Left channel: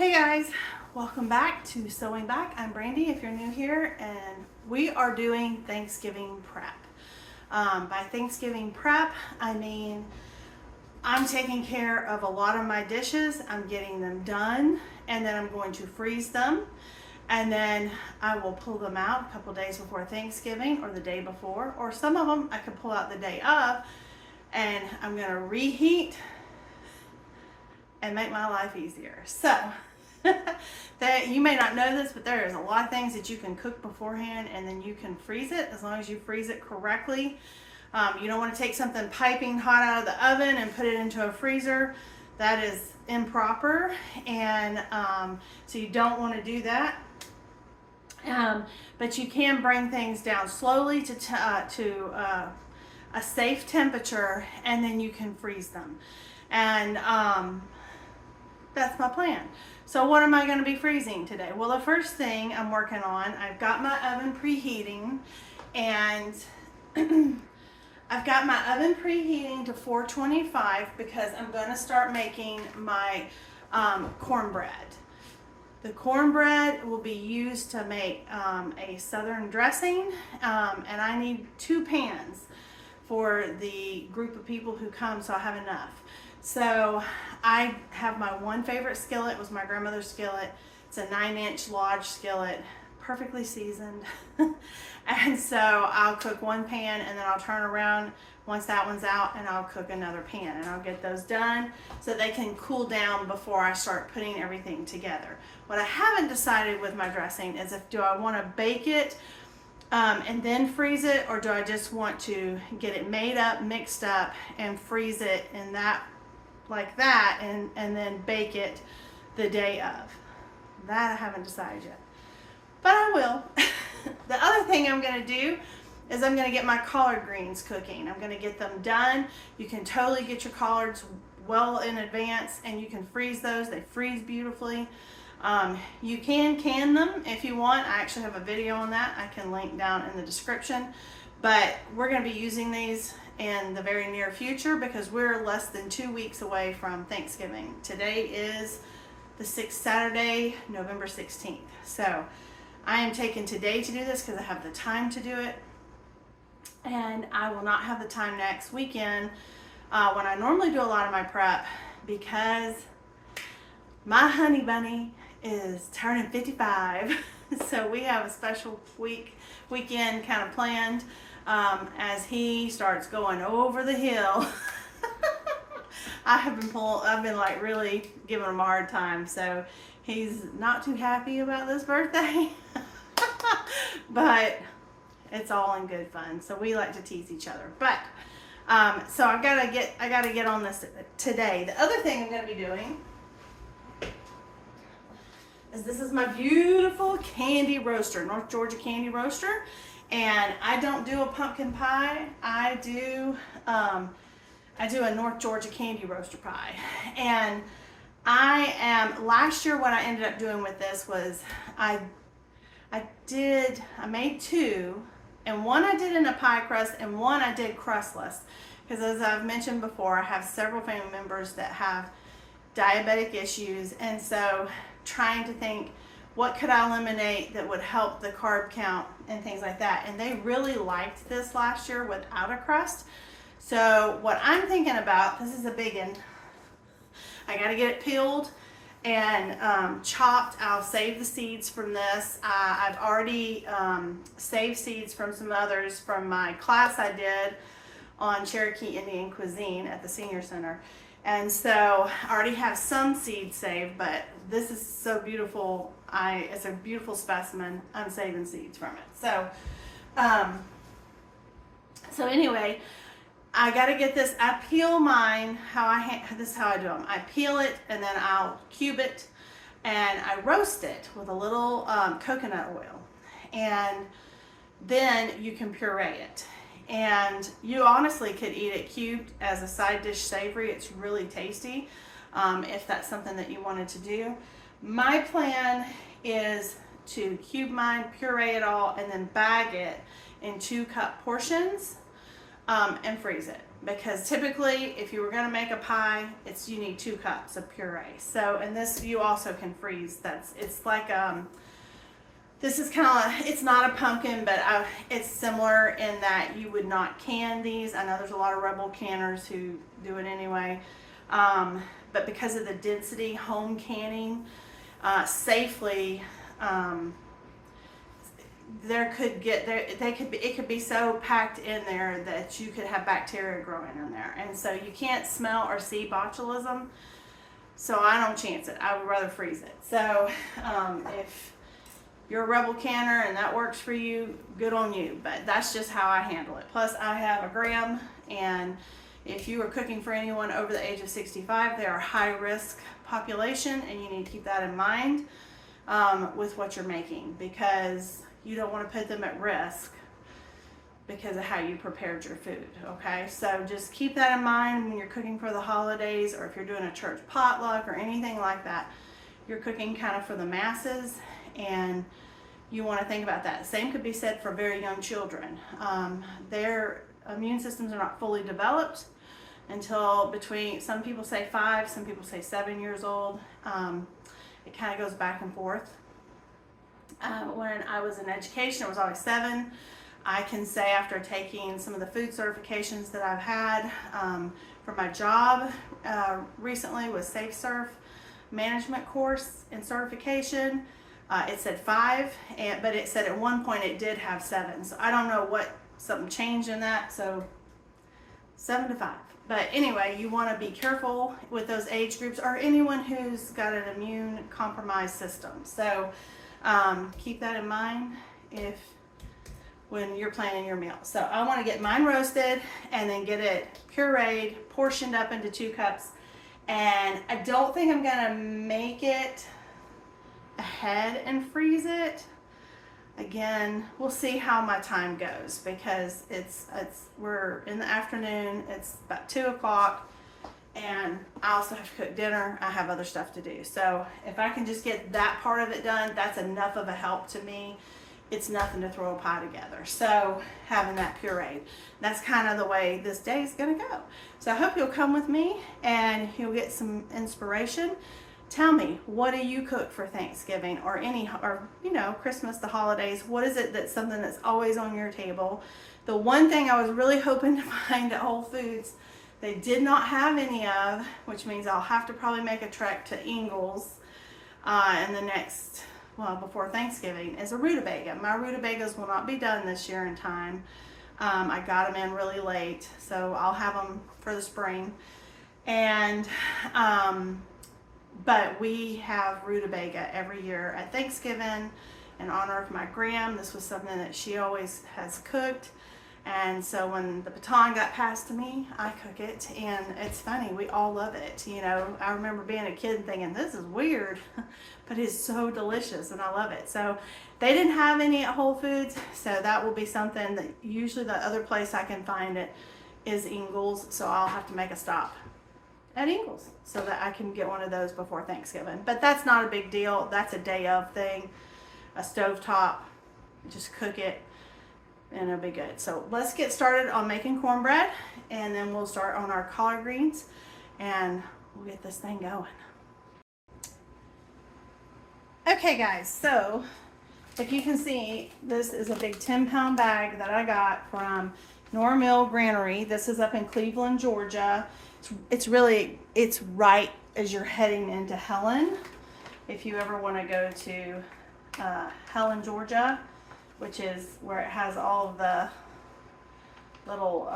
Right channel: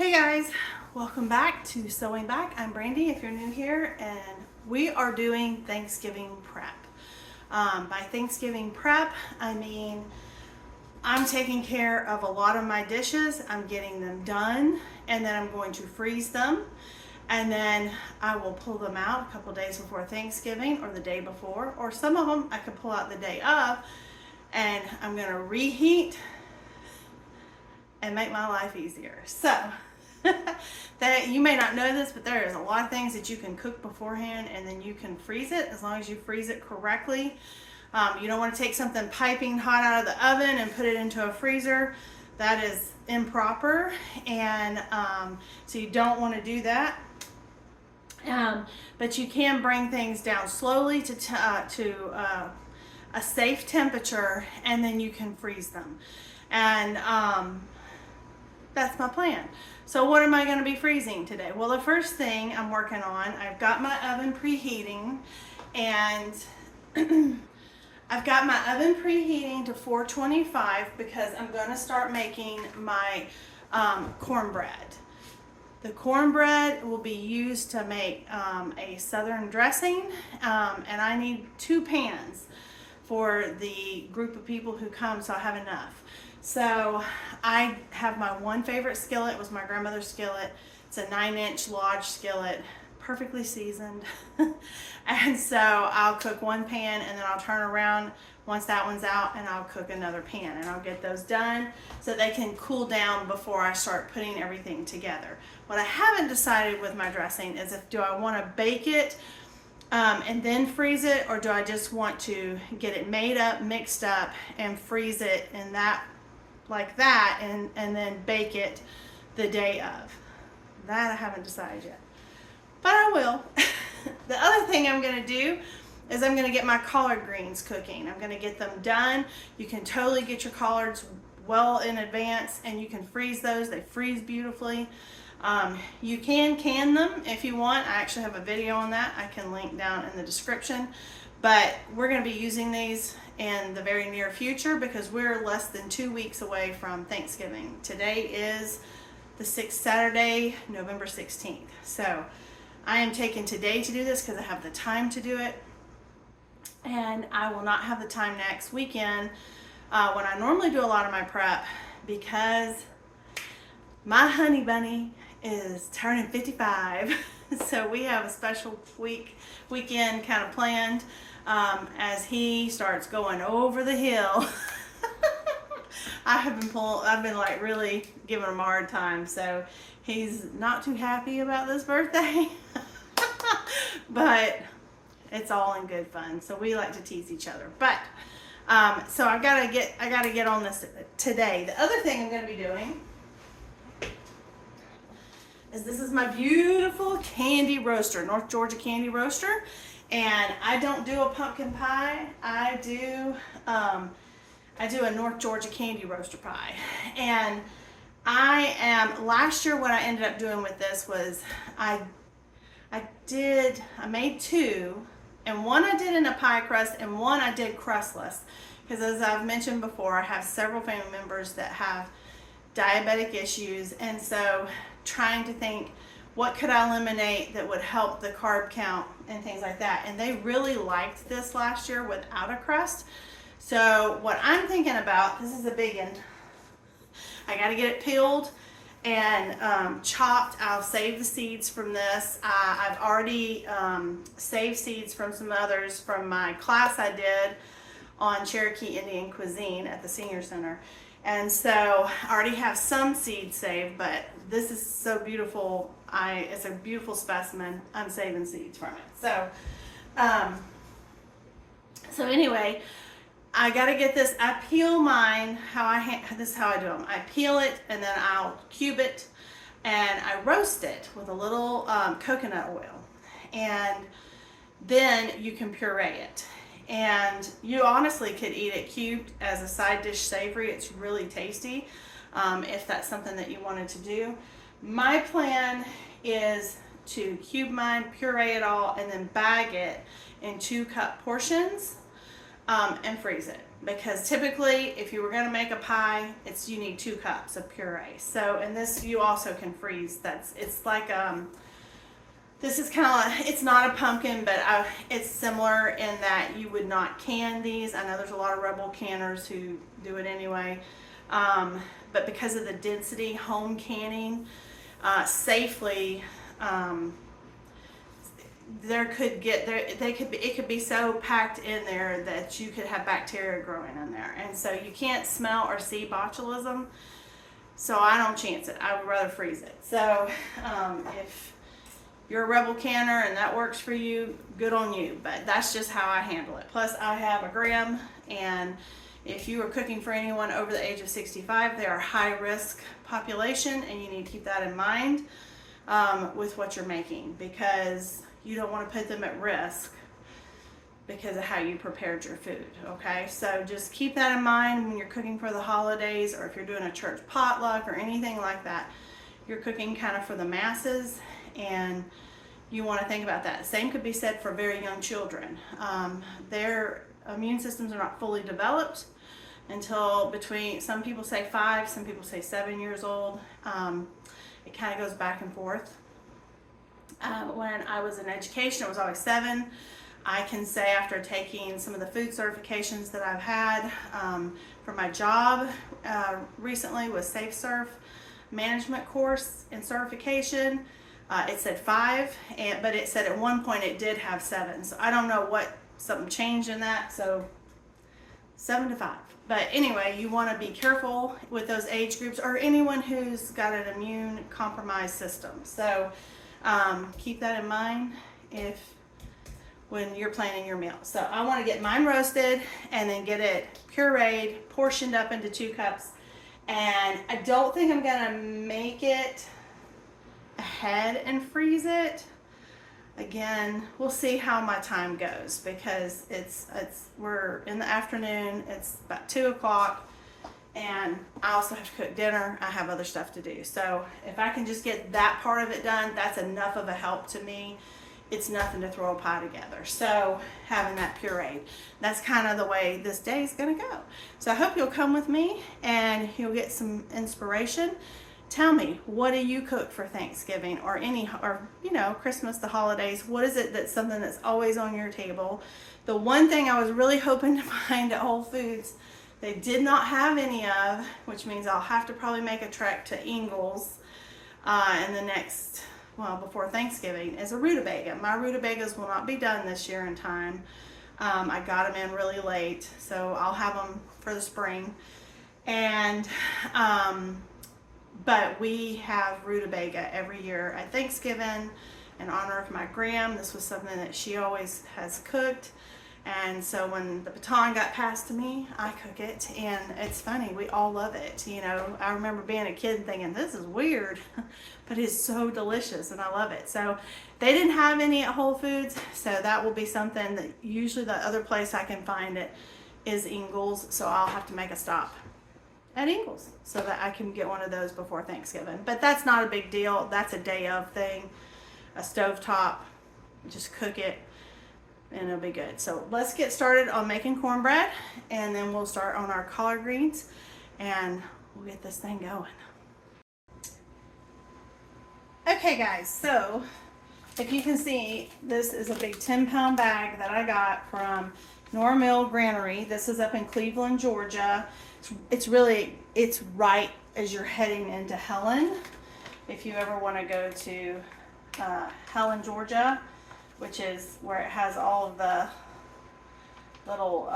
Hey guys, welcome back to Sewing Back. I'm Brandy if you're new here, and we are doing Thanksgiving prep. By Thanksgiving prep, I mean I'm taking care of a lot of my dishes. I'm getting them done, and then I'm going to freeze them, and then I will pull them out a couple days before Thanksgiving or the day before, or some of them I can pull out the day of, and I'm going to reheat and make my life easier. So that you may not know this, but there is a lot of things that you can cook beforehand and then you can freeze it as long as you freeze it correctly. You don't want to take something piping hot out of the oven and put it into a freezer. That is improper, and so you don't want to do that. But you can bring things down slowly to a safe temperature, and then you can freeze them. And that's my plan. So what am I going to be freezing today? Well, the first thing I'm working on, I've got my oven preheating, and I've got my oven preheating to 425 because I'm going to start making my cornbread. The cornbread will be used to make a southern dressing, and I need 2 pans for the group of people who come, so I have enough. So I have my one favorite skillet. It was my grandmother's skillet. It's a 9-inch Lodge skillet, perfectly seasoned. And so I'll cook one pan, and then I'll turn around once that one's out, and I'll cook another pan, and I'll get those done so they can cool down before I start putting everything together. What I haven't decided with my dressing is do I want to bake it and then freeze it, or do I just want to get it made up, mixed up, and freeze it in that like that, and then bake it the day of. That I haven't decided yet, but I will. The other thing I'm going to do is I'm going to get my collard greens cooking. I'm going to get them done. You can totally get your collards well in advance, and you can freeze those. They freeze beautifully. You can them if you want. I actually have a video on that. I can link down in the description, but we're going to be using these in the very near future because we're less than 2 weeks away from Thanksgiving. Today is the 6th Saturday, November 16th. So I am taking today to do this because I have the time to do it, and I will not have the time next weekend when I normally do a lot of my prep, because my honey bunny is turning 55. So we have a special weekend kind of planned as he starts going over the hill. I've been like really giving him a hard time, so he's not too happy about this birthday. But it's all in good fun, so we like to tease each other. But so I gotta get on this today. The other thing I'm gonna be doing is this is my beautiful candy roaster, North Georgia candy roaster, and I don't do a pumpkin pie. I do a North Georgia candy roaster pie. And last year what I ended up doing with this was I made 2, and one I did in a pie crust and one I did crustless, because as I've mentioned before, I have several family members that have diabetic issues, and so trying to think what could I eliminate that would help the carb count and things like that. And they really liked this last year without a crust. So what I'm thinking about, this is a big one, I got to get it peeled and chopped. I'll save the seeds from this. I've already saved seeds from some others from my class I did on Cherokee Indian cuisine at the senior center. And so I already have some seeds saved, but this is so beautiful. It's a beautiful specimen. I'm saving seeds from it. So, so anyway, I got to get this. I peel mine. This is how I do them. I peel it, and then I'll cube it, and I roast it with a little coconut oil, and then you can puree it. And you honestly could eat it cubed as a side dish savory. It's really tasty if that's something that you wanted to do. My plan is to cube mine, puree it all, and then bag it in 2-cup portions and freeze it. because typically if you were going to make a pie, you need 2 cups of puree. So, and this you also can freeze. It's like this is kind of, it's not a pumpkin, but it's similar in that you would not can these. I know there's a lot of rebel canners who do it anyway, but because of the density, home canning safely, it could be so packed in there that you could have bacteria growing in there, and so you can't smell or see botulism. So I don't chance it. I would rather freeze it. So if you're a rebel canner and that works for you, good on you, but that's just how I handle it. Plus I have a gram, and if you are cooking for anyone over the age of 65, they are a high risk population, and you need to keep that in mind with what you're making, because you don't want to put them at risk because of how you prepared your food. Okay, so just keep that in mind when you're cooking for the holidays, or if you're doing a church potluck or anything like that. You're cooking kind of for the masses, and you want to think about that. Same could be said for very young children. Their immune systems are not fully developed until between, some people say 5, some people say 7 years old. It kind of goes back and forth. When I was in education, it was always 7. I can say after taking some of the food certifications that I've had for my job recently with Safe Surf management course and certification, it said 5, but it said at one point it did have 7. So I don't know what, something changed in that. So 7 to 5. But anyway, you want to be careful with those age groups, or anyone who's got an immune compromised system. So keep that in mind when you're planning your meal. So I want to get mine roasted and then get it pureed, portioned up into 2 cups. And I don't think I'm gonna make it ahead and freeze it. Again, we'll see how my time goes, because we're in the afternoon, it's about 2 o'clock, and I also have to cook dinner. I have other stuff to do. So if I can just get that part of it done, that's enough of a help to me. It's nothing to throw a pie together. So having that pureed, that's kind of the way this day is gonna go. So I hope you'll come with me and you'll get some inspiration. Tell me, what do you cook for Thanksgiving or Christmas, the holidays? What is it that's something that's always on your table? The one thing I was really hoping to find at Whole Foods, they did not have any of, which means I'll have to probably make a trek to Ingles in the next, before Thanksgiving, is a rutabaga. My rutabagas will not be done this year in time. I got them in really late, so I'll have them for the spring. And but we have rutabaga every year at Thanksgiving in honor of my gram. This was something that she always has cooked. And so when the baton got passed to me, I cook it, and it's funny, we all love it. I remember being a kid and thinking, this is weird, but it's so delicious and I love it. So they didn't have any at Whole Foods, so that will be something that usually the other place I can find it is Ingles, so I'll have to make a stop at Ingles so that I can get one of those before Thanksgiving. But that's not a big deal. That's a day of thing, a stovetop, just cook it and it'll be good. So let's get started on making cornbread, and then we'll start on our collard greens and we'll get this thing going. Okay guys, so if you can see, this is a big 10-pound bag that I got from Mill Granary. This is up in Cleveland, Georgia. It's right as you're heading into Helen. If you ever want to go to Helen, Georgia, which is where it has all of the little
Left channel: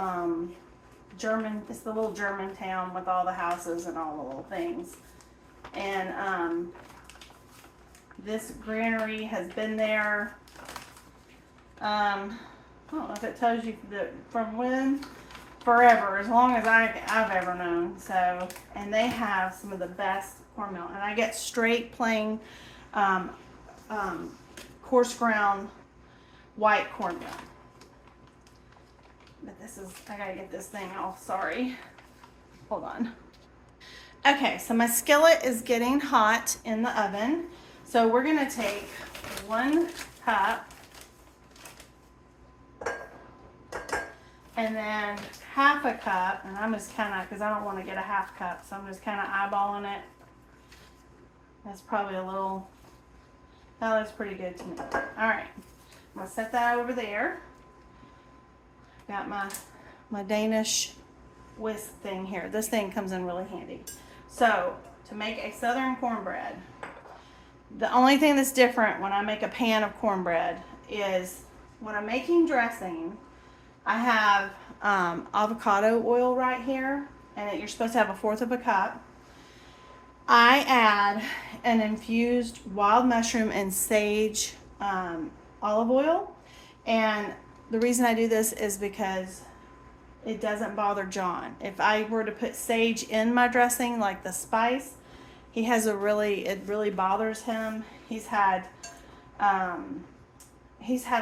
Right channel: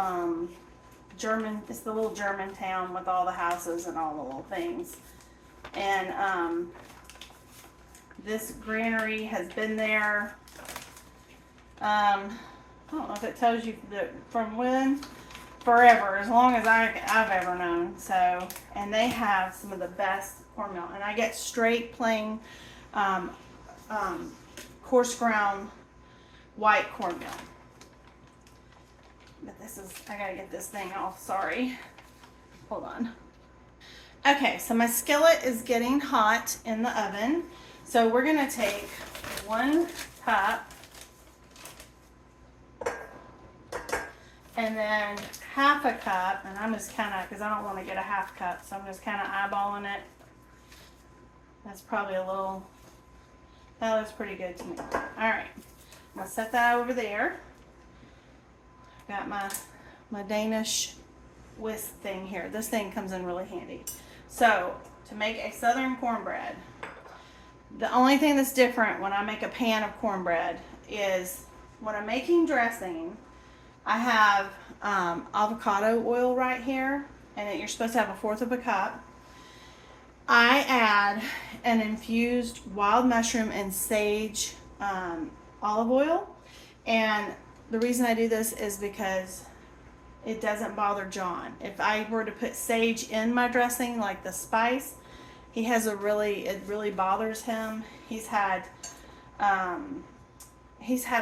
it's the little German town with all the houses and all the little things. And this granary has been there, I don't know if it tells you from when, forever, as long as I've ever known. So, and they have some of the best cornmeal, and I get straight plain coarse ground white cornmeal. But I gotta get this thing off, sorry. Hold on. Okay, so my skillet is getting hot in the oven. So we're gonna take 1 cup And then half a cup, and I'm just kind of, because I don't want to get a half cup, so I'm just kind of eyeballing it. That's probably a little, that looks pretty good to me. All right, I'm gonna set that over there. Got my Danish whisk thing here. This thing comes in really handy. So to make a southern cornbread, the only thing that's different when I make a pan of cornbread is when I'm making dressing, I have avocado oil right here, and you're supposed to have 1/4 of a cup. I add an infused wild mushroom and sage olive oil, and the reason I do this is because it doesn't bother John. If I were to put sage in my dressing, like the spice, it really bothers him. He's had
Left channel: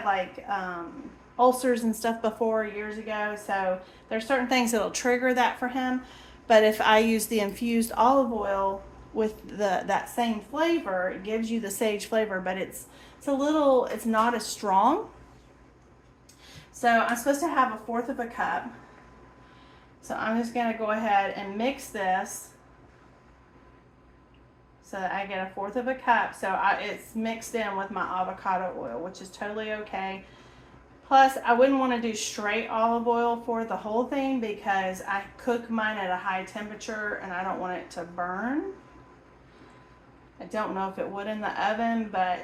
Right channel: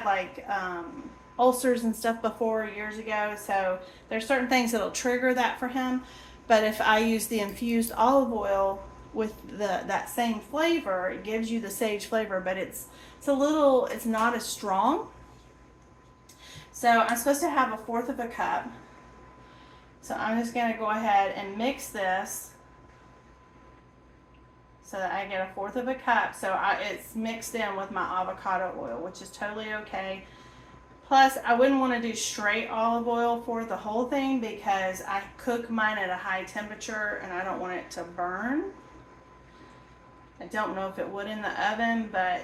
like ulcers and stuff before years ago, so there's certain things that'll trigger that for him. But if I use the infused olive oil with that same flavor, it gives you the sage flavor, but it's not as strong. So I'm supposed to have 1/4 of a cup. So I'm just gonna go ahead and mix this so that I get 1/4 of a cup. So it's mixed in with my avocado oil, which is totally okay. Plus, I wouldn't want to do straight olive oil for the whole thing because I cook mine at a high temperature and I don't want it to burn. I don't know if it would in the oven, but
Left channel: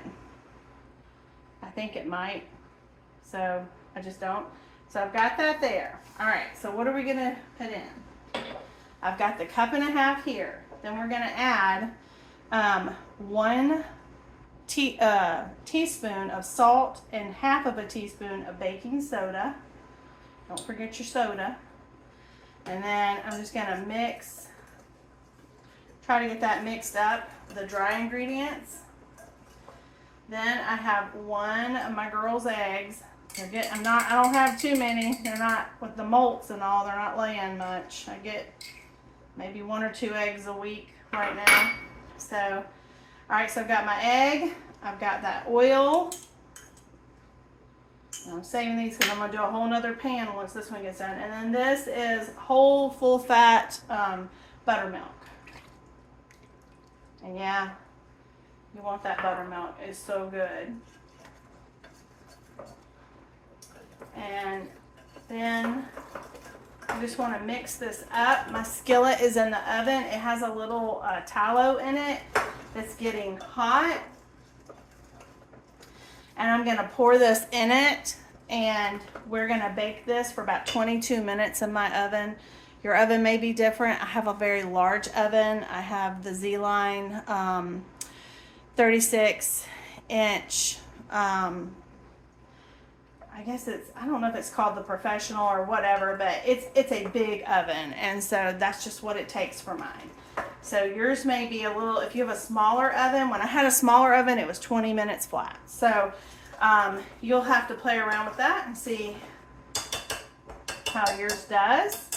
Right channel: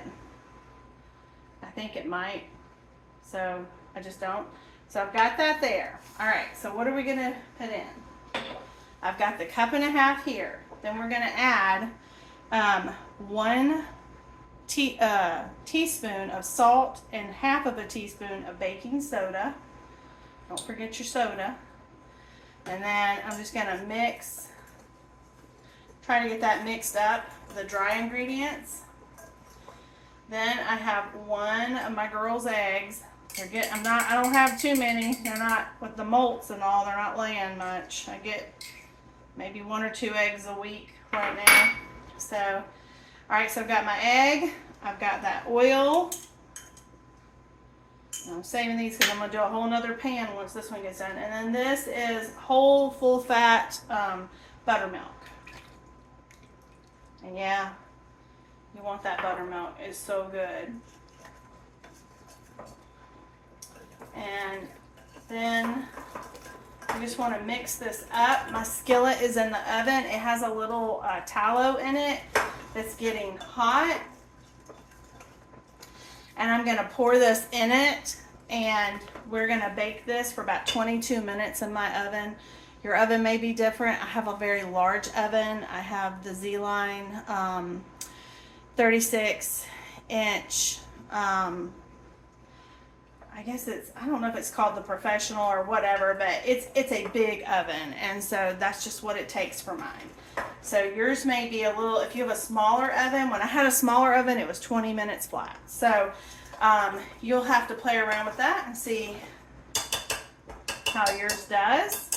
I think it might. So I just don't. So I've got that there. All right, so what are we gonna put in? I've got the 1.5 cups here. Then we're gonna add 1 teaspoon of salt and 1/2 teaspoon of baking soda. Don't forget your soda. And then I'm just gonna try to get that mixed up, the dry ingredients. Then I have 1 of my girls' eggs. I don't have too many. They're not, with the molts and all, they're not laying much. I get maybe 1 or 2 eggs a week right now. So, all right, so I've got my egg. I've got that oil. And I'm saving these because I'm going to do a whole nother pan once this one gets done. And then this is whole full fat buttermilk. And yeah, you want that buttermilk. It's so good. And then I just want to mix this up. My skillet is in the oven. It has a little tallow in it that's getting hot. And I'm going to pour this in it, and we're going to bake this for about 22 minutes in my oven. Your oven may be different. I have a very large oven. I have the Z-Line 36-inch. I guess I don't know if it's called the professional or whatever, but it's a big oven, and so that's just what it takes for mine. So yours may be a little, if you have a smaller oven. When I had a smaller oven, it was 20 minutes flat. So you'll have to play around with that and see how yours does.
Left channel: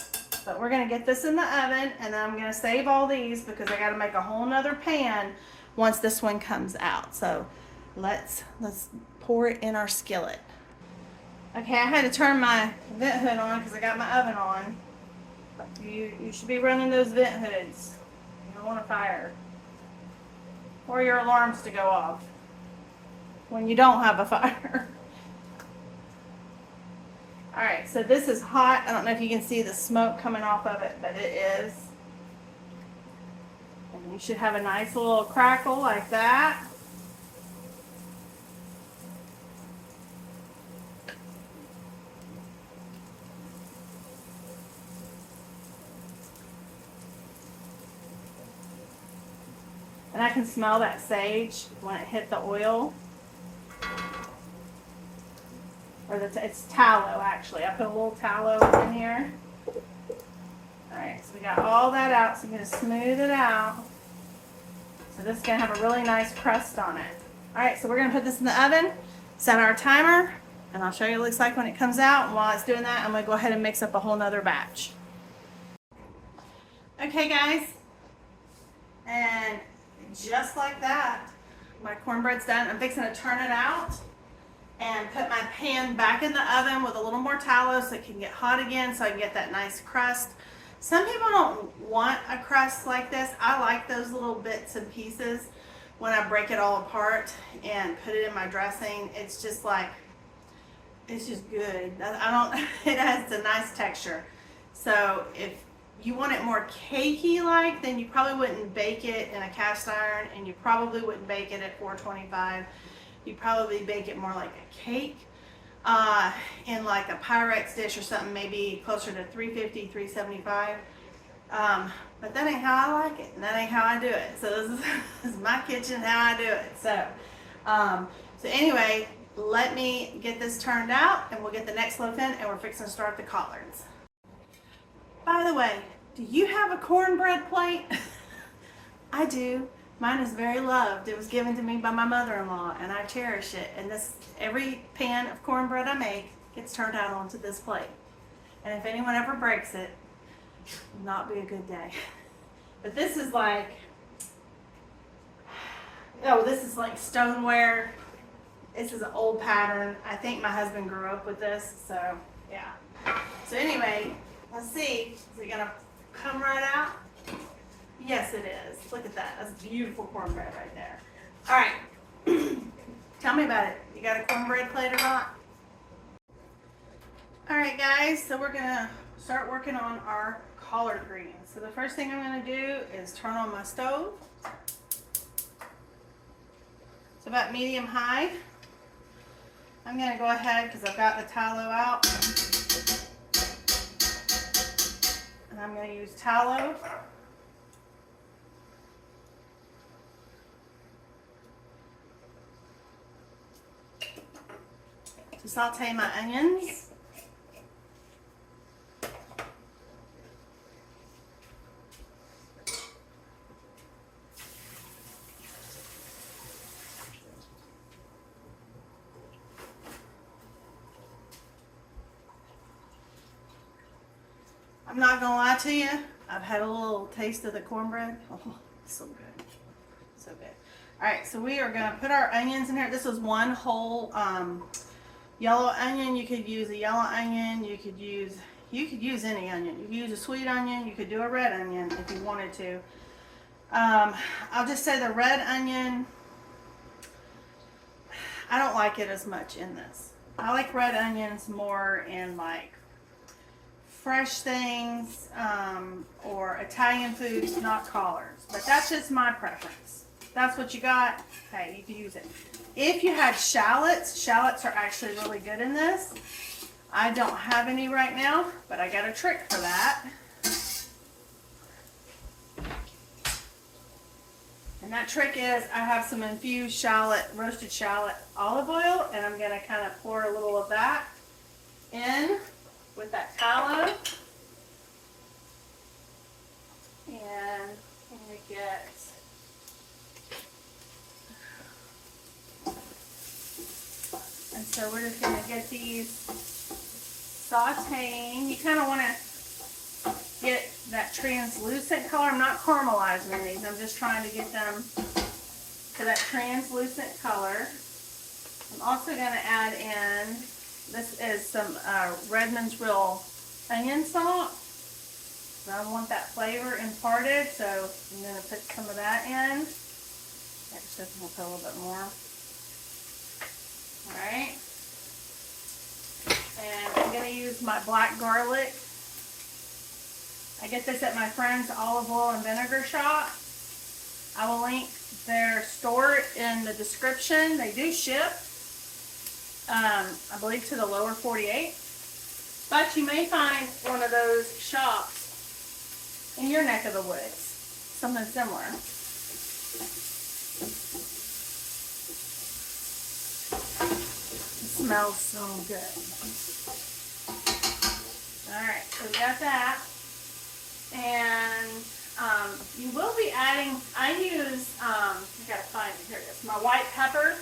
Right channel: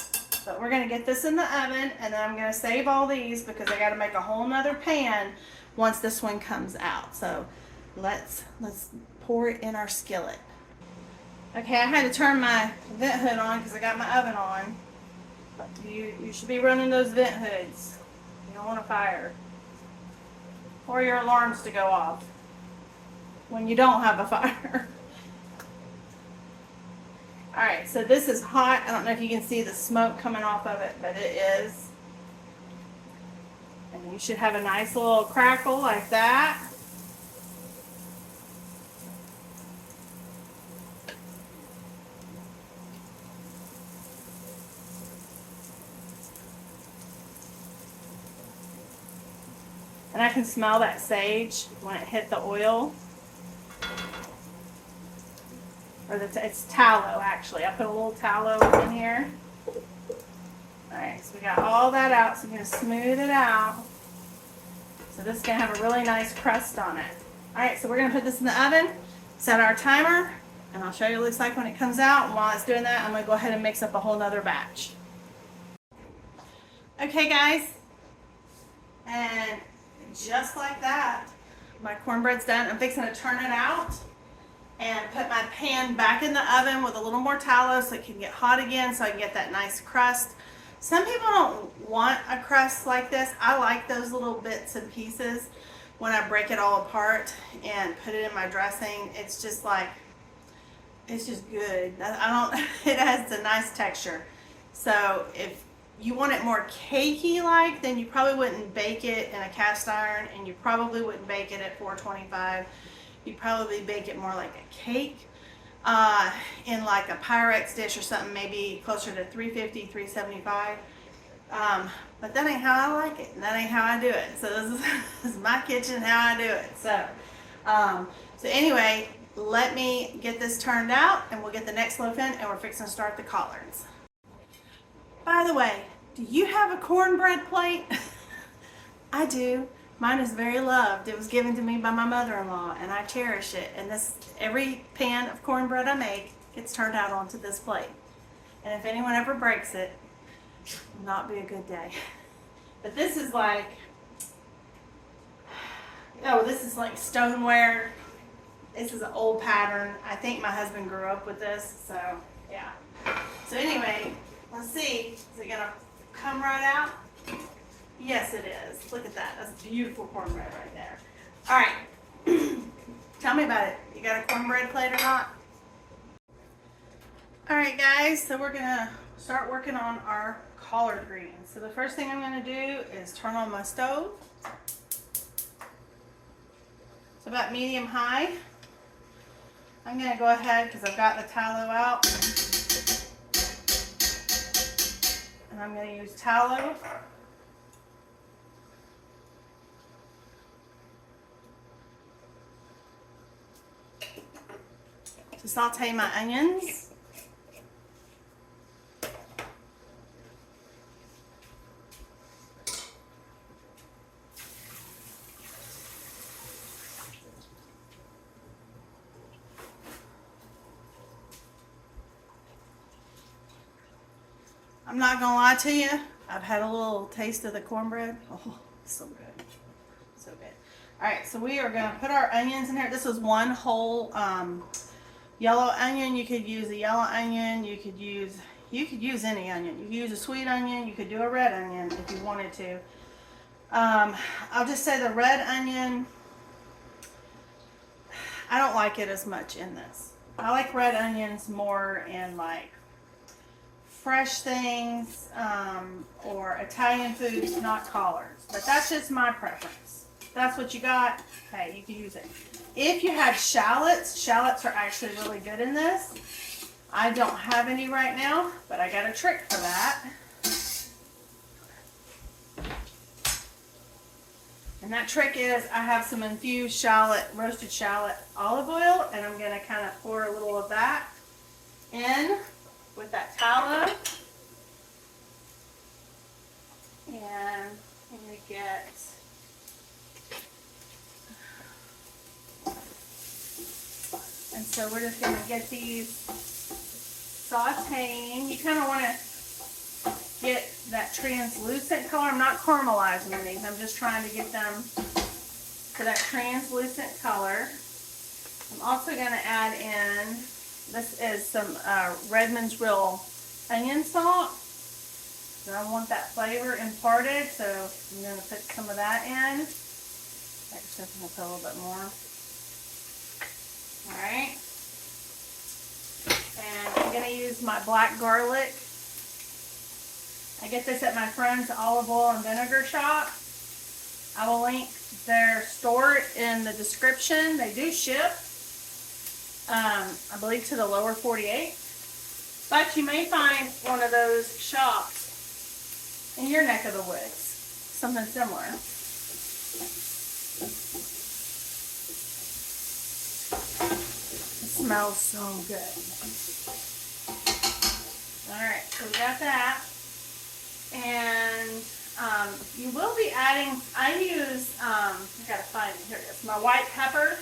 But we're gonna get this in the oven, and then I'm gonna save all these because I gotta make a whole nother pan once this one comes out. So let's pour it in our skillet. Okay, I had to turn my vent hood on because I got my oven on. You should be running those vent hoods. You don't want a fire. Or your alarms to go off when you don't have a fire. Alright, so this is hot. I don't know if you can see the smoke coming off of it, but it is. And you should have a nice little crackle like that. And I can smell that sage when it hit the oil. Or it's tallow, actually. I put a little tallow in here. Alright, so we got all that out. So I'm going to smooth it out. So this is going to have a really nice crust on it. Alright, so we're going to put this in the oven, set our timer, and I'll show you what it looks like when it comes out. And while it's doing that, I'm going to go ahead and mix up a whole nother batch. Okay, guys. And just like that, my cornbread's done. I'm fixing to turn it out. and put my pan back in the oven with a little more tallow so it can get hot again so I can get that nice crust. Some people don't want a crust like this. I like those little bits and pieces when I break it all apart and put it in my dressing. It's just like, it's just good. It has a nice texture. So if you want it more cakey like, then you probably wouldn't bake it in a cast iron, and you probably wouldn't bake it at 425. You'd probably bake it more like a cake in like a Pyrex dish or something, maybe closer to 350, 375. But that ain't how I like it, and that ain't how I do it. So this is my kitchen, how I do it. So, so anyway, let me get this turned out, and we'll get the next loaf in, and we're fixing to start the collards. By the way, do you have a cornbread plate? I do. Mine is very loved. It was given to me by my mother-in-law, and I cherish it. And every pan of cornbread I make gets turned out onto this plate. And if anyone ever breaks it, it'll not be a good day. But this is like, oh, this is like stoneware. This is an old pattern. I think my husband grew up with this, so yeah. So anyway, let's see. Is it gonna come right out? Yes, it is. Look at that. That's beautiful cornbread right there. All right. Tell me about it. You got a cornbread plate or not? All right, guys. So we're gonna start working on our collard greens. So the first thing I'm gonna do is turn on my stove. It's about medium high. I'm gonna go ahead because I've got the tallow out. And I'm gonna use tallow. To saute my onions. I'm not gonna lie to you, I've had a little taste of the cornbread. Oh, so good. So good. All right, so we are gonna put our onions in here. This was one whole yellow onion. You could use a yellow onion. You could use any onion. You could use a sweet onion. You could do a red onion if you wanted to. I'll just say the red onion, I don't like it as much in this. I like red onions more in like fresh things or Italian foods, not collards. But that's just my preference. That's what you got. Hey, you can use it. If you had shallots are actually really good in this. I don't have any right now, but I got a trick for that. And that trick is I have some infused shallot, roasted shallot olive oil, and I'm going to kind of pour a little of that in with that tallow. And I'm going to get so we're just going to get these sauteing. You kind of want to get that translucent color. I'm not caramelizing these. I'm just trying to get them to that translucent color. I'm also going to add in, this is some Redmond's Real onion salt. And I want that flavor imparted, so I'm going to put some of that in. Actually, I'm going to put a little bit more. Alright, and I'm going to use my black garlic. I get this at my friend's olive oil and vinegar shop. I will link their store in the description. They do ship, I believe, to the lower 48. But you may find one of those shops in your neck of the woods. Something similar. Smells so good. Alright, so we got that. And you will be adding, I use, I gotta find it, here it is, my white pepper.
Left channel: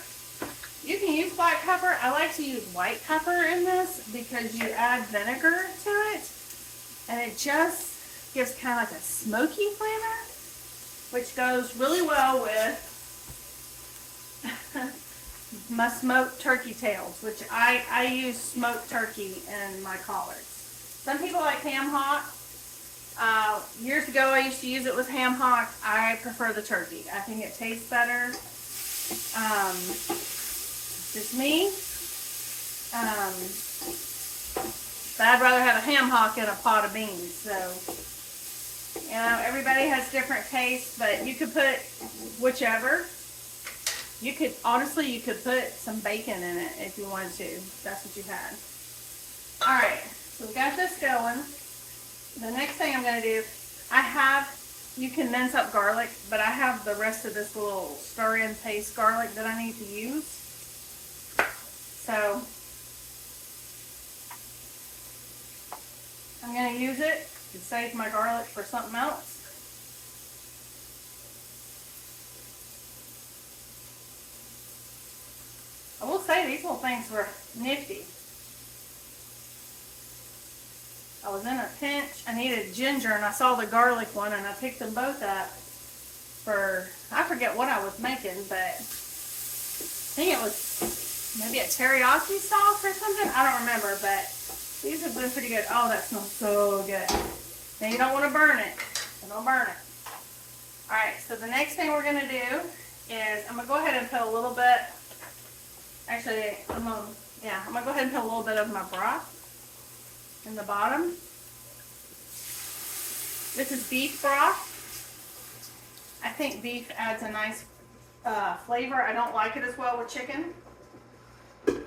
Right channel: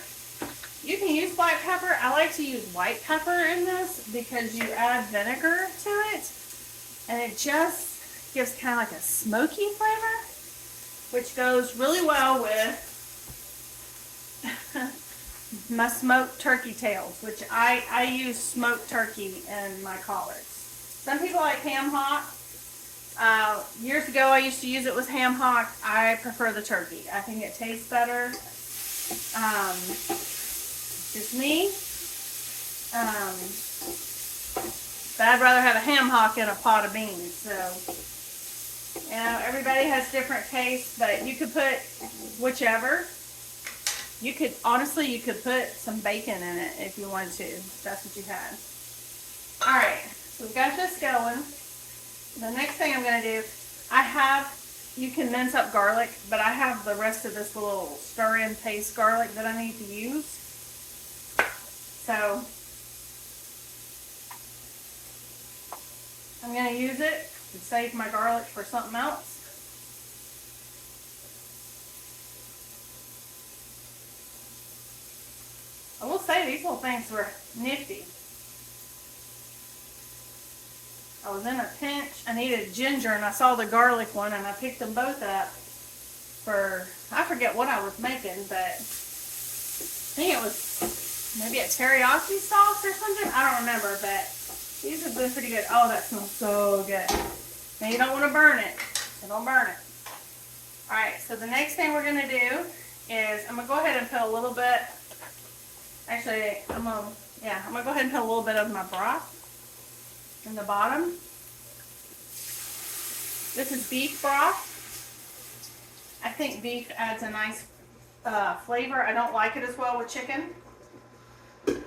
You can use black pepper. I like to use white pepper in this because you add vinegar to it. And it just gives kind of like a smoky flavor, which goes really well with my smoked turkey tails, which I use smoked turkey in my collards. Some people like ham hock. Years ago I used to use it with ham hock. I prefer the turkey. I think it tastes better. Just me. But I'd rather have a ham hock in a pot of beans. So, you know, everybody has different tastes, but you could put whichever. You could, honestly, you could put some bacon in it if you wanted to. If that's what you had. Alright, so we got this going. The next thing I'm going to do, you can mince up garlic, but I have the rest of this little stir-in paste garlic that I need to use. So, I'm going to use it to save my garlic for something else. I will say these little things were nifty. I was in a pinch. I needed ginger and I saw the garlic one and I picked them both up for, I forget what I was making, but I think it was maybe a teriyaki sauce or something. I don't remember, but these have been pretty good. Oh, that smells so good. Now you don't want to burn it, so don't burn it. Alright, so the next thing we're going to do is I'm going to go ahead and put a little bit, actually, I'm going to go ahead and put a little bit of my broth in the bottom. This is beef broth. I think beef adds a nice flavor. I don't like it as well with chicken. And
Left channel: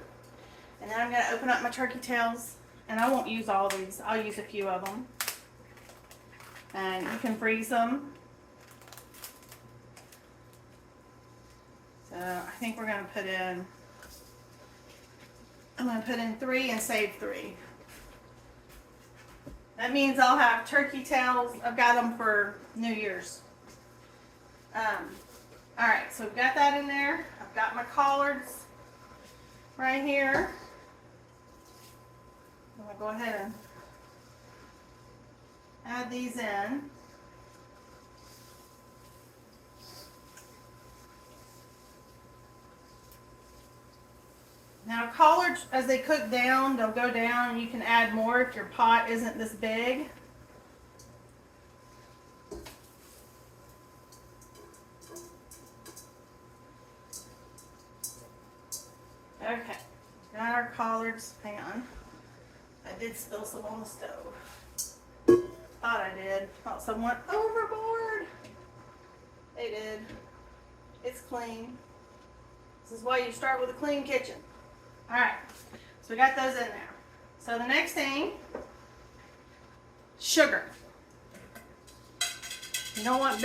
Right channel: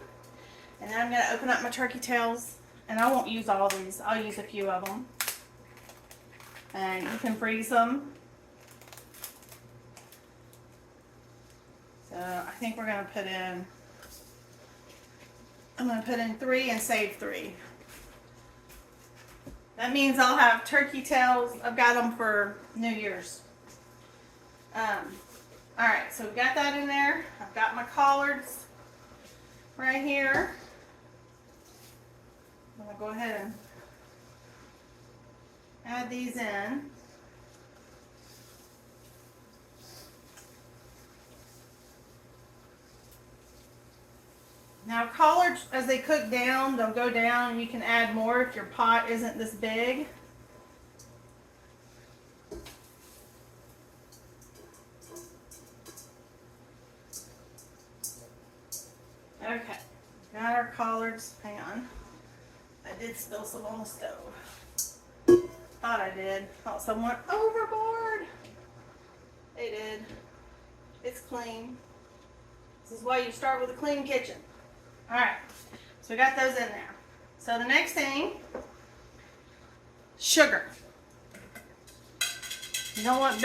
then I'm going to open up my turkey tails. And I won't use all of these. I'll use a few of them. And you can freeze them. So I think we're going to put in, I'm going to put in 3 and save 3. That means I'll have turkey tails. I've got them for New Year's. Alright, so we've got that in there. I've got my collards right here. I'm going to go ahead and add these in. Now collards, as they cook down, they'll go down and you can add more if your pot isn't this big. Okay, got our collards. Hang on. I did spill some on the stove. Thought I did. Thought someone overboard. They did. It's clean. This is why you start with a clean kitchen. Alright, so we got those in there. So the next thing, sugar. You don't want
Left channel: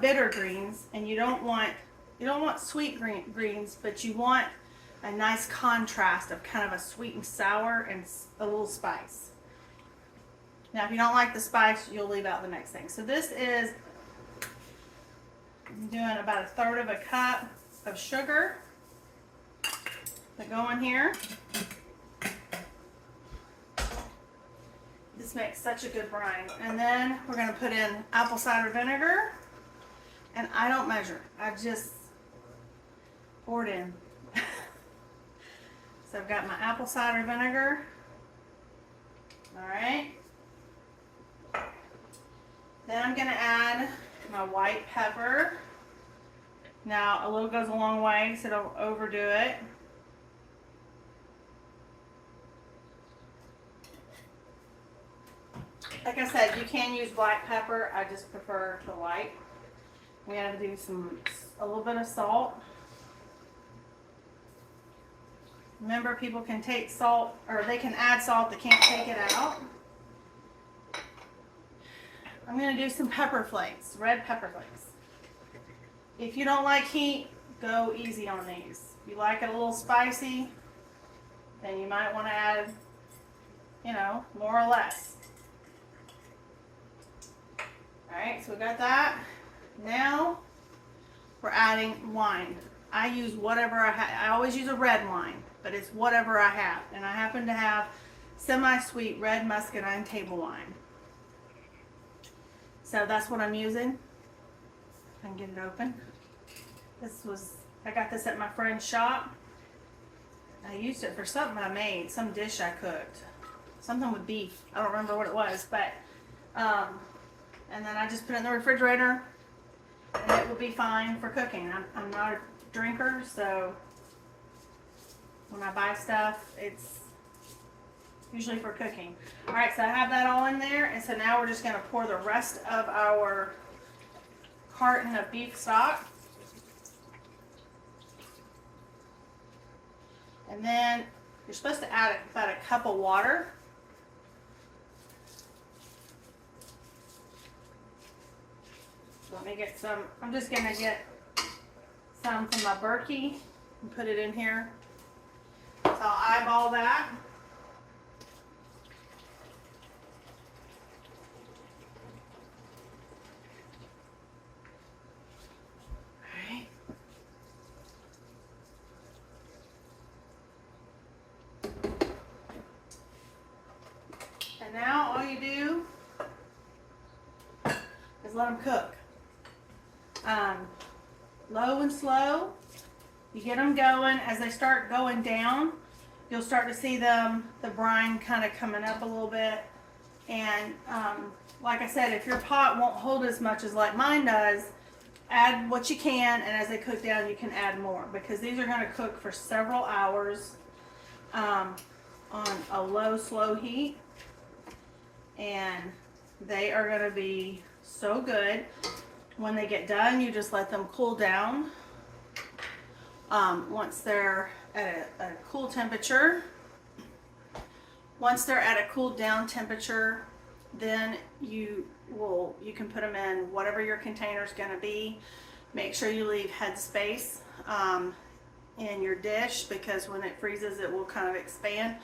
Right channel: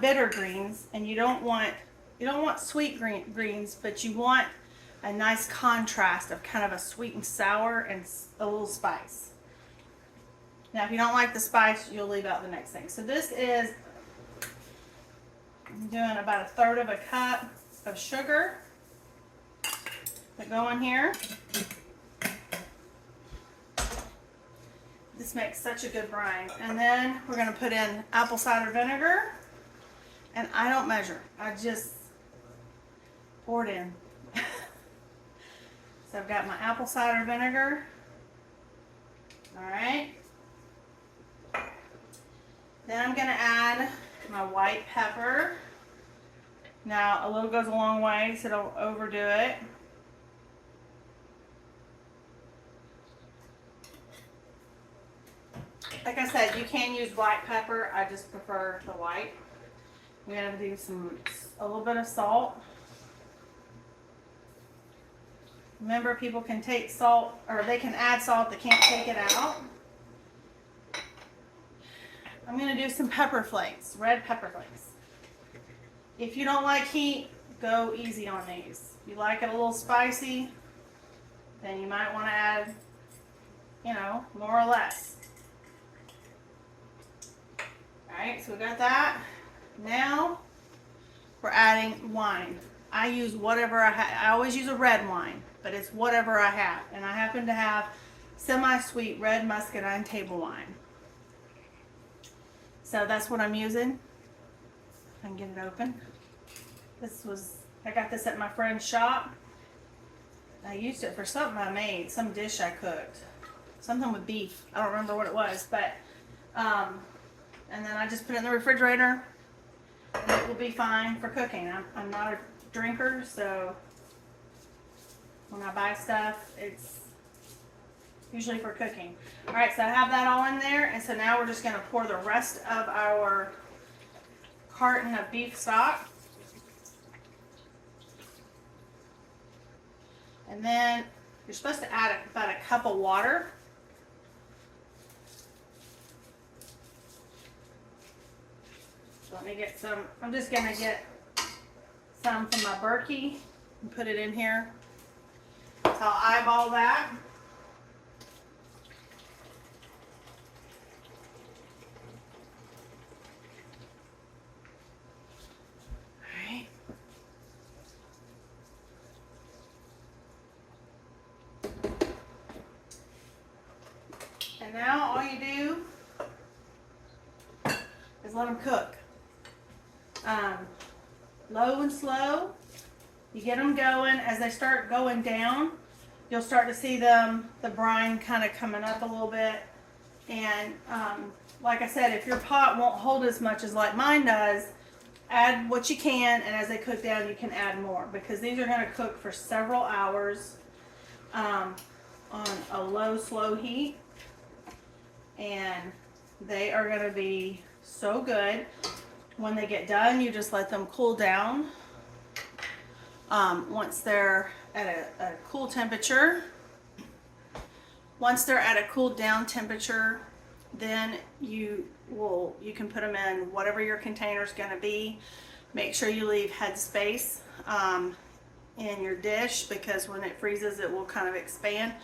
bitter greens, and you don't want sweet greens, but you want a nice contrast of kind of a sweet and sour and a little spice. Now if you don't like the spice, you'll leave out the next thing. So this is, I'm doing about 1/3 of a cup of sugar that go in here. This makes such a good brine. And then we're going to put in apple cider vinegar. And I don't measure. I just pour it in. So I've got my apple cider vinegar. Alright. Then I'm going to add my white pepper. Now a little goes a long way, so don't overdo it. Like I said, you can use white pepper. I just prefer the white. We have to do a little bit of salt. Remember, people can take salt, or they can add salt, they can't take it out. I'm going to do some pepper flakes, red pepper flakes. If you don't like heat, go easy on these. If you like it a little spicy, then you might want to add, more or less. Alright, so we got that. Now, we're adding wine. I use whatever I have. I always use a red wine, but it's whatever I have. And I happen to have semi-sweet red muscadine table wine. So that's what I'm using. And get it open. This was I got this at my friend's shop. I used it for something I made, some dish I cooked. Something with beef. I don't remember what it was, but, and then I just put it in the refrigerator and it will be fine for cooking. I'm not a drinker, so when I buy stuff, it's usually for cooking. All right, so I have that all in there, and so now we're just gonna pour the rest of our carton of beef stock. And then you're supposed to add about a cup of water. So let me get some, I'm just gonna get some from my Berkey and put it in here. So I'll eyeball that. Alright. And now all you do is let them cook. Low and slow. You get them going. As they start going down, you'll start to see them, the brine kind of coming up a little bit. And like I said, if your pot won't hold as much as like mine does, add what you can, and as they cook down, you can add more, because these are going to cook for several hours on a low, slow heat. And they are going to be so good. When they get done, you just let them cool down. Once they're at a cool temperature, once they're at a cooled down temperature, then you can put them in whatever your container is going to be. Make sure you leave head space in your dish, because when it freezes, it will kind of expand.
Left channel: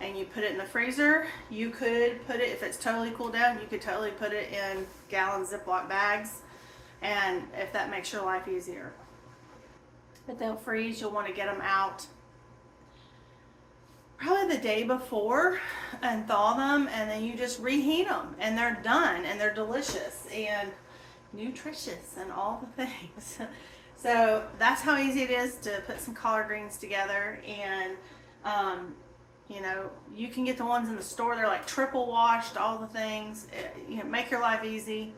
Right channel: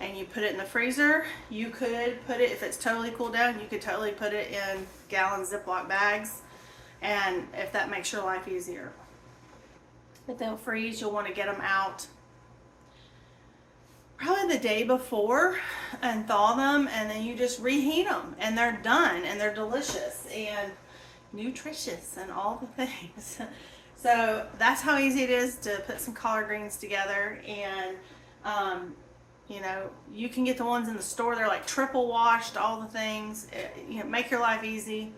And you put it in the freezer. You could put it, if it's totally cooled down, you could totally put it in gallon Ziploc bags, and if that makes your life easier. But they'll freeze. You'll want to get them out probably the day before and thaw them, and then you just reheat them, and they're done, and they're delicious and nutritious and all the things. So that's how easy it is to put some collard greens together. And you know, you can get the ones in the store. They're like triple washed, all the things. You know, make your life easy.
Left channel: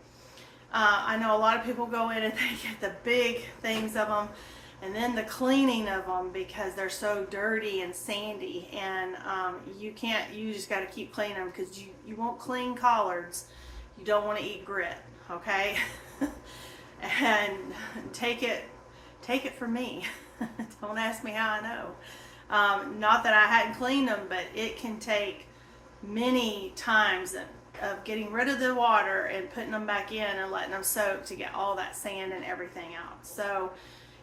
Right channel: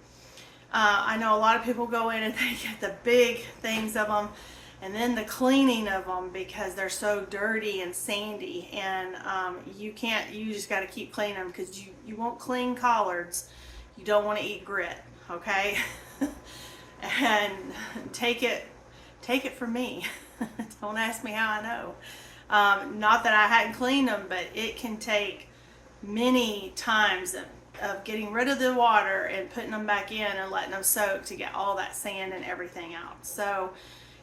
I know a lot of people go in and they get the big things of them, and then the cleaning of them, because they're so dirty and sandy, and you just got to keep cleaning them, because you won't clean collards. You don't want to eat grit, okay? And take it from me. Don't ask me how I know. Not that I hadn't cleaned them, but it can take many times of getting rid of the water and putting them back in and letting them soak to get all that sand and everything out. So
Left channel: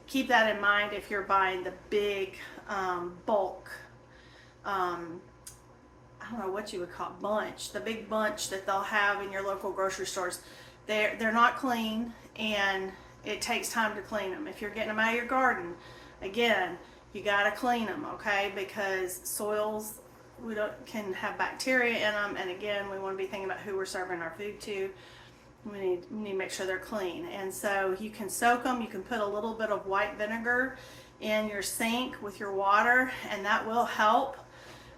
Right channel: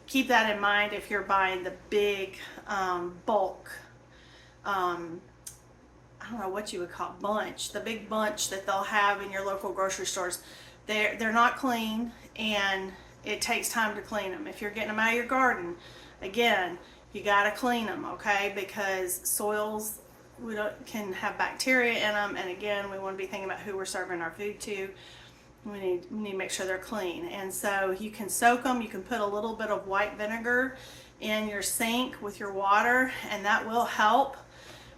keep that in mind if you're buying the big bulk, I don't know what you would call bunch, the big bunch that they'll have in your local grocery stores. They're not clean, and it takes time to clean them. If you're getting them out of your garden, again, you got to clean them, okay? Because soils can have bacteria in them, and again, we want to be thinking about who we're serving our food to. We need to make sure they're clean. And so you can soak them. You can put a little bit of white vinegar in your sink with your water, and that will help.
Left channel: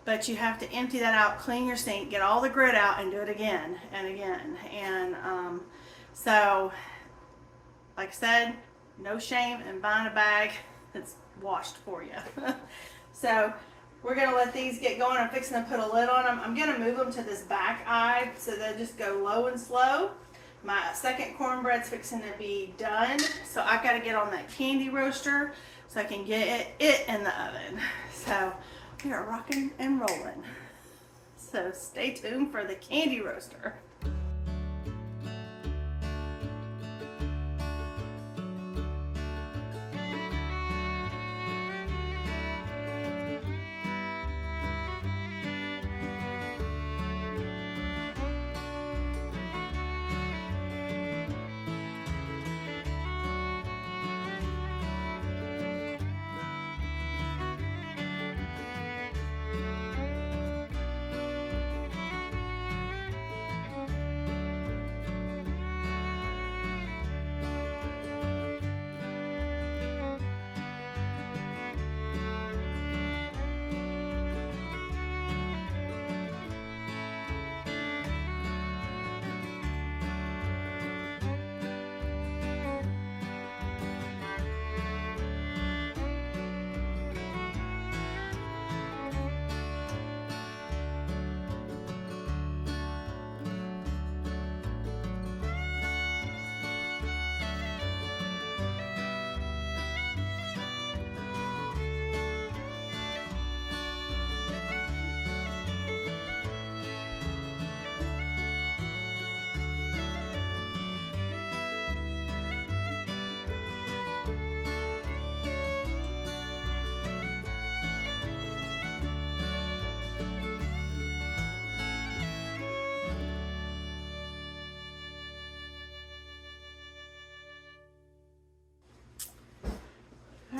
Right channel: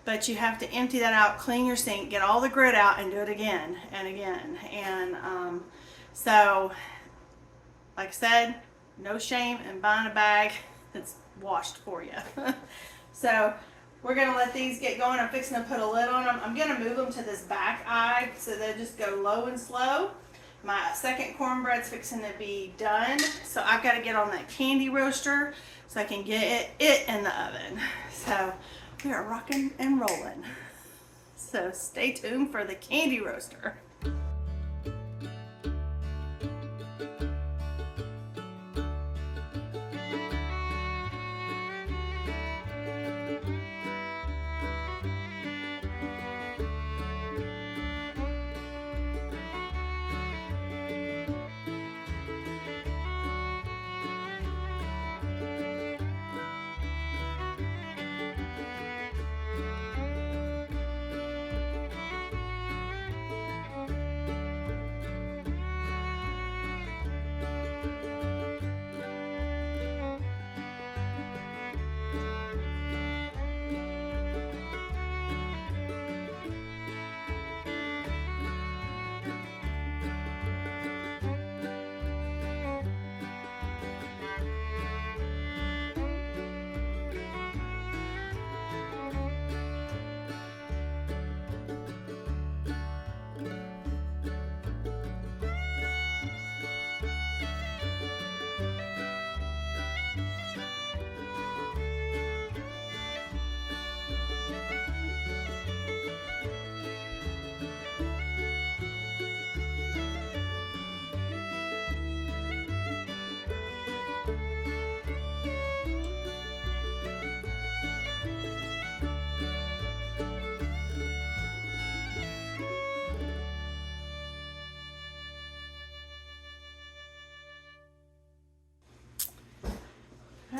But you have to empty that out, clean your sink, get all the grit out, and do it again and again. And so, like I said, no shame in buying a bag that's washed for you. So we're going to let these get going. I'm fixing to put a lid on them. I'm going to move them to this back eye so they'll just go low and slow. My second cornbread's fixing to be done, so I've got to get on that candy roaster so I can get it in the oven. So we are rocking and rolling. So stay tuned for the candy roaster.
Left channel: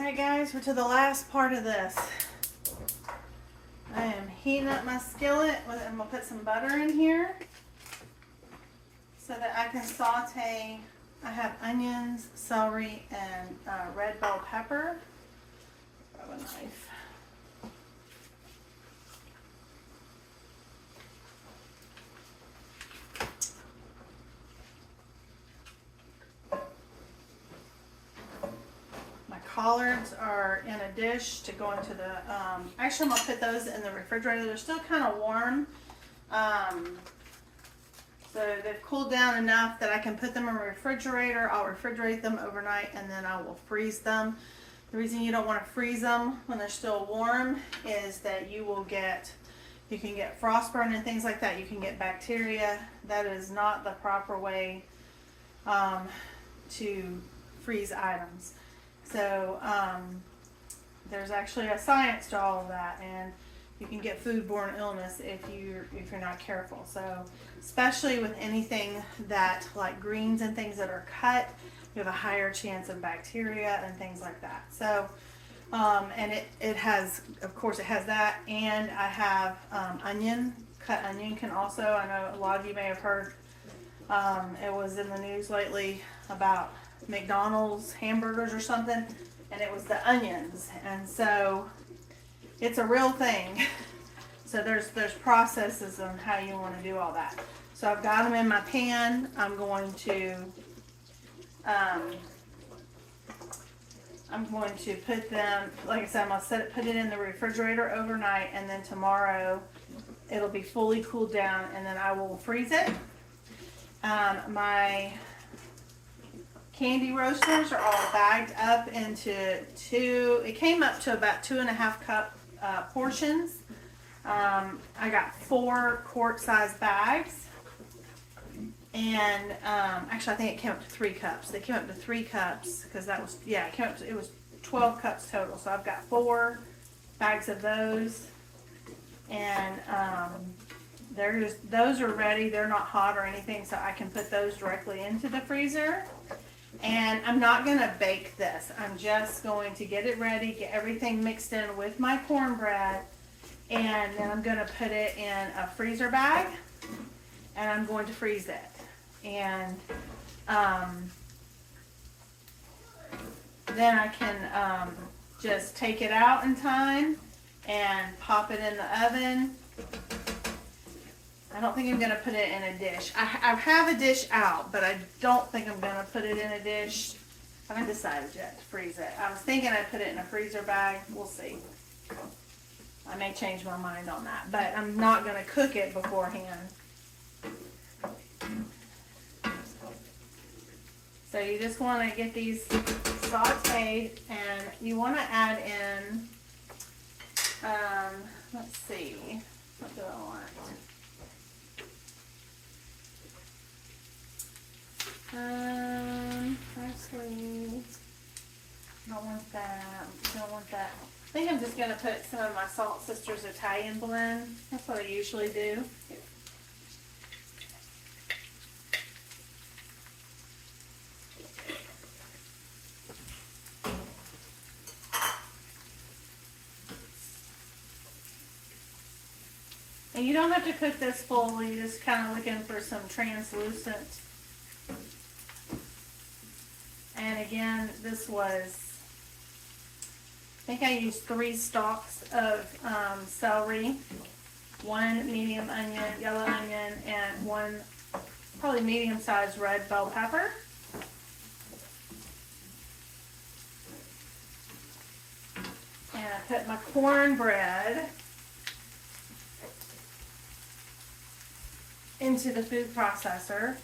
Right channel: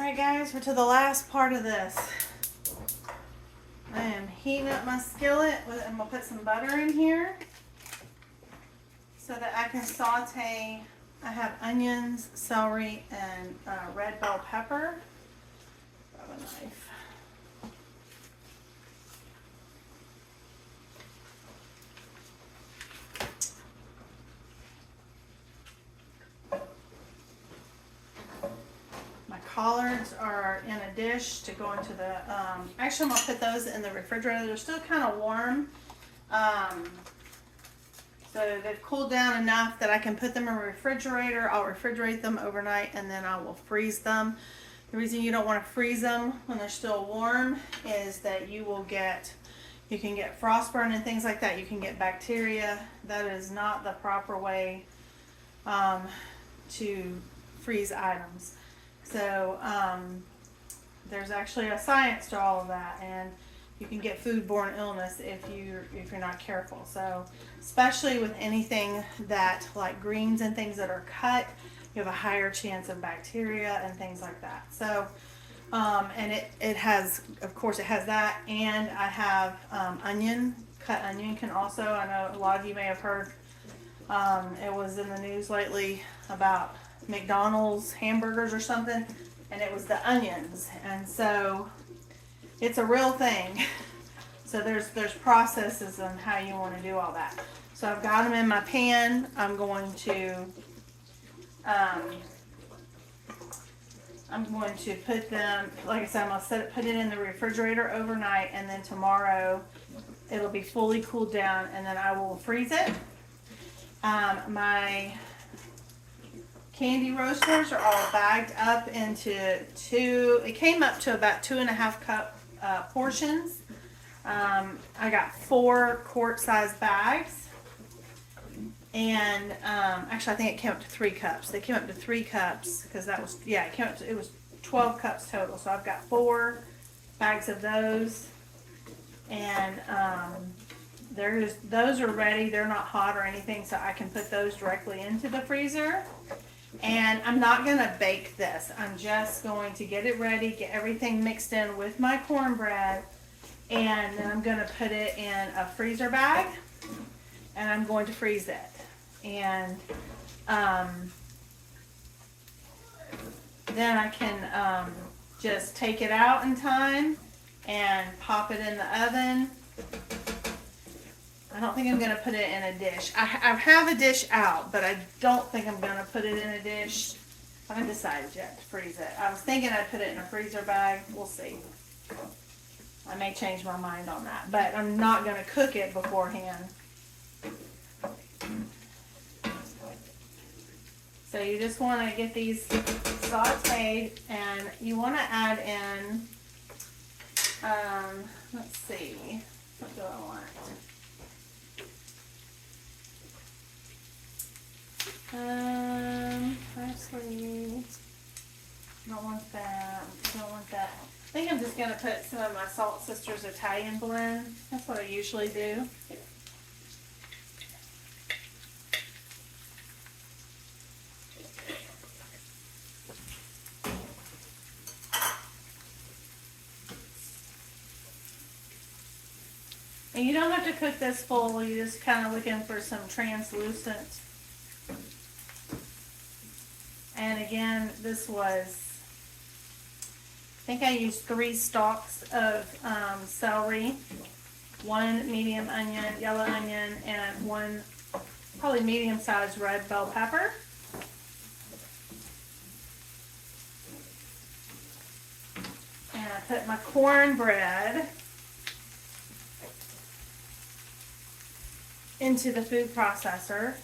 Alright guys, we're to the last part of this. I am heating up my skillet. I'm going to put some butter in here so that I can saute. I have onions, celery, and red bell pepper. Grab a knife. Collards are in a dish to go into the, actually I'm going to put those in the refrigerator. They're still kind of warm. So they've cooled down enough that I can put them in a refrigerator. I'll refrigerate them overnight and then I will freeze them. The reason you don't want to freeze them when they're still warm is that you can get frostburn and things like that. You can get bacteria. That is not the proper way to freeze items. So there's actually a science to all of that, and you can get foodborne illness if you're not careful. So especially with anything that like greens and things that are cut, you have a higher chance of bacteria and things like that. So and it has, of course, it has that, and I have onion. Cut onion can also, I know a lot of you may have heard, it was in the news lately about McDonald's hamburgers or something, and it was the onions, and so it's a real thing. So there's processes on how you want to do all that. So I've got them in my pan. I'm going to put them, like I said, I'm gonna put it in the refrigerator overnight, and then tomorrow it'll be fully cooled down, and then I will freeze it. My candy roasters are all bagged up into it came up to about 2.5 cup portions. I got 4 quart-sized bags, and actually I think it came up to 3 cups. They came up to 3 cups because that was, yeah, it was 12 cups total. So I've got 4 bags of those, and those are ready. They're not hot or anything, so I can put those directly into the freezer. And I'm not going to bake this. I'm just going to get it ready, get everything mixed in with my cornbread, and then I'm going to put it in a freezer bag, and I'm going to freeze it. And then I can just take it out in time and pop it in the oven. I don't think I'm going to put it in a dish. I have a dish out, but I don't think I'm going to put it in a dish. I haven't decided yet to freeze it. I was thinking I'd put it in a freezer bag. We'll see. I may change my mind on that, but I'm not going to cook it beforehand. So you just want to get these sauteed, and you want to add in, let's see, what do I want? Actually, don't want that. Don't want that. I think I'm just gonna put some of my Salt Sisters Italian blend. That's what I usually do. And you don't have to cook this full. You're just kind of looking for some translucent. And again, this was, I think I used 3 stalks of celery, 1 medium onion, yellow onion, and 1 probably medium-sized red bell pepper. And I put my cornbread into the food processor.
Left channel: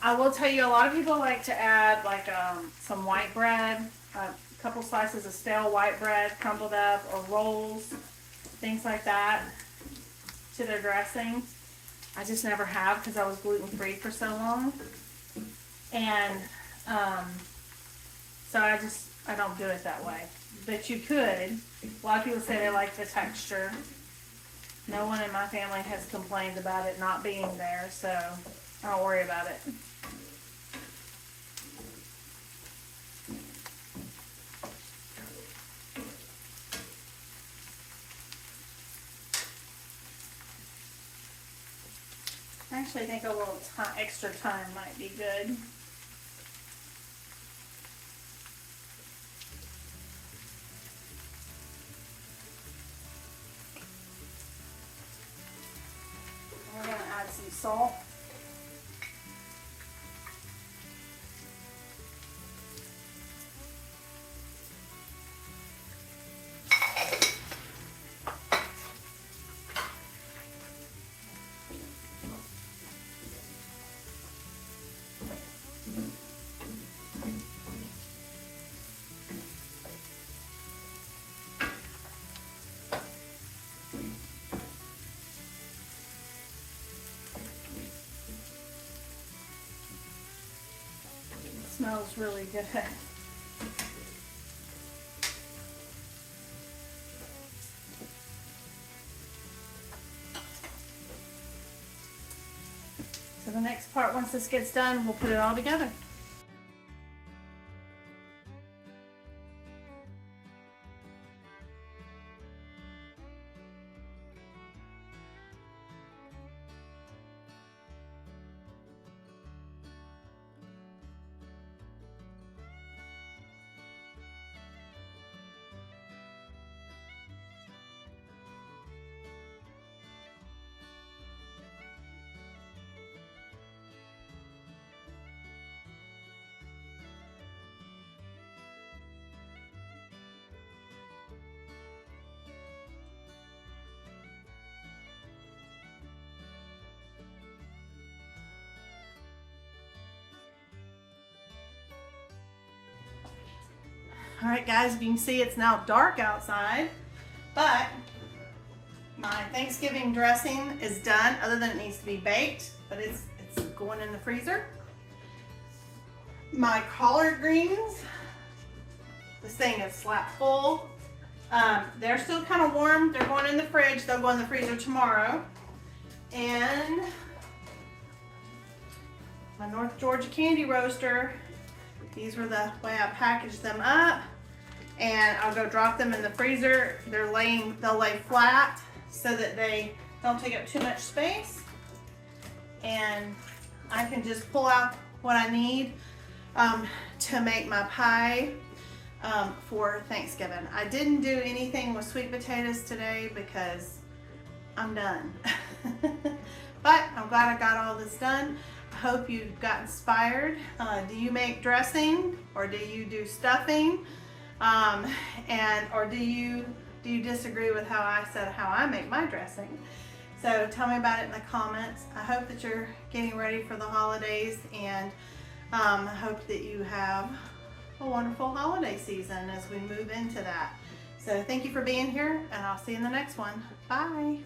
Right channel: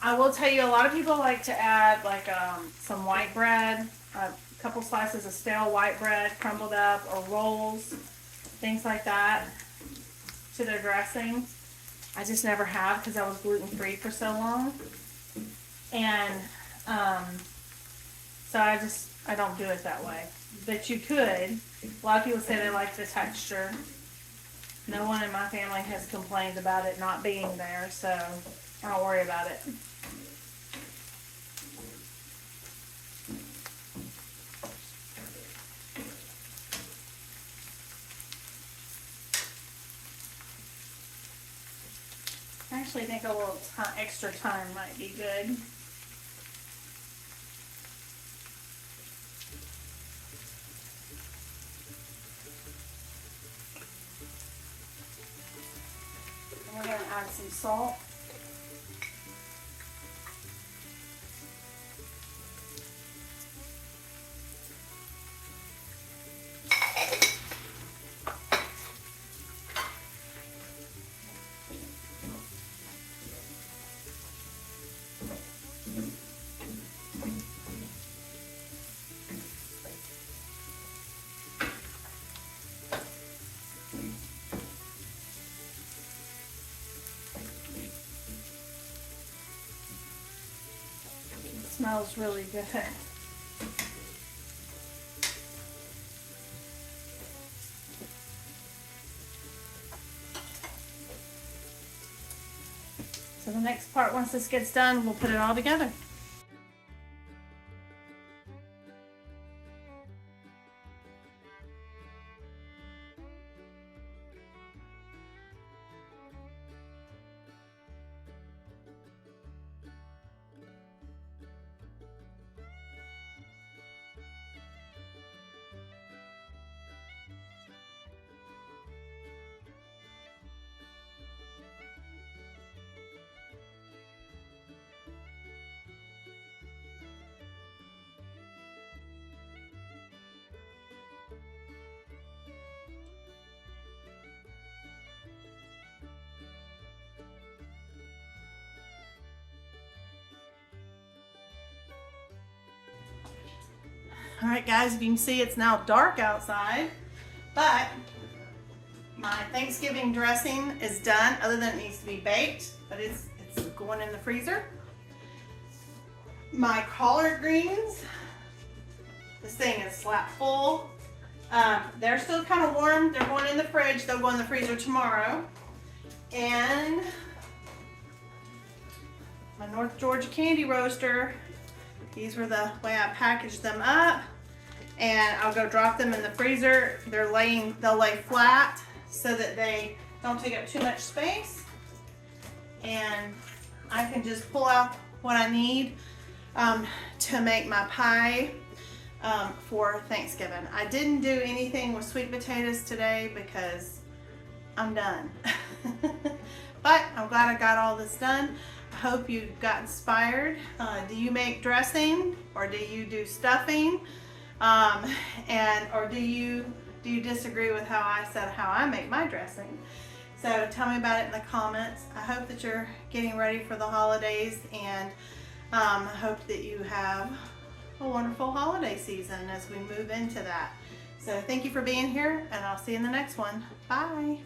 I will tell you, a lot of people like to add like some white bread, a couple slices of stale white bread crumbled up, or rolls, things like that, to their dressing. I just never have because I was gluten-free for so long. And so I don't do it that way. But you could. A lot of people say they like the texture. No one in my family has complained about it not being there, so I don't worry about it. actually think a little extra time might be good. And we're going to add some salt. Smells really good. So the next part, once this gets done, we'll put it all together. All right, guys, you can see it's now dark outside, but my Thanksgiving dressing is done, other than it needs to be baked, but it's going in the freezer. My collard greens, this thing is slap full. They're still kind of warm. They're going in the fridge. They'll go in the freezer tomorrow. And my North Georgia candy roaster. These were the way I packaged them up, and I'll go drop them in the freezer. They'll lay flat so that they don't take up too much space, and I can just pull out what I need to make my pie for Thanksgiving. I didn't do anything with sweet potatoes today because I'm done. But I'm glad I got all this done. I hope you got inspired. Do you make dressing, or do you do stuffing? Or do you disagree with how I make my dressing? So tell me about it in the comments. I hope that you're getting ready for the holidays, and I hope that you have a wonderful holiday season as we move into that. So thank you for being here, and I'll see you in the next one. Bye.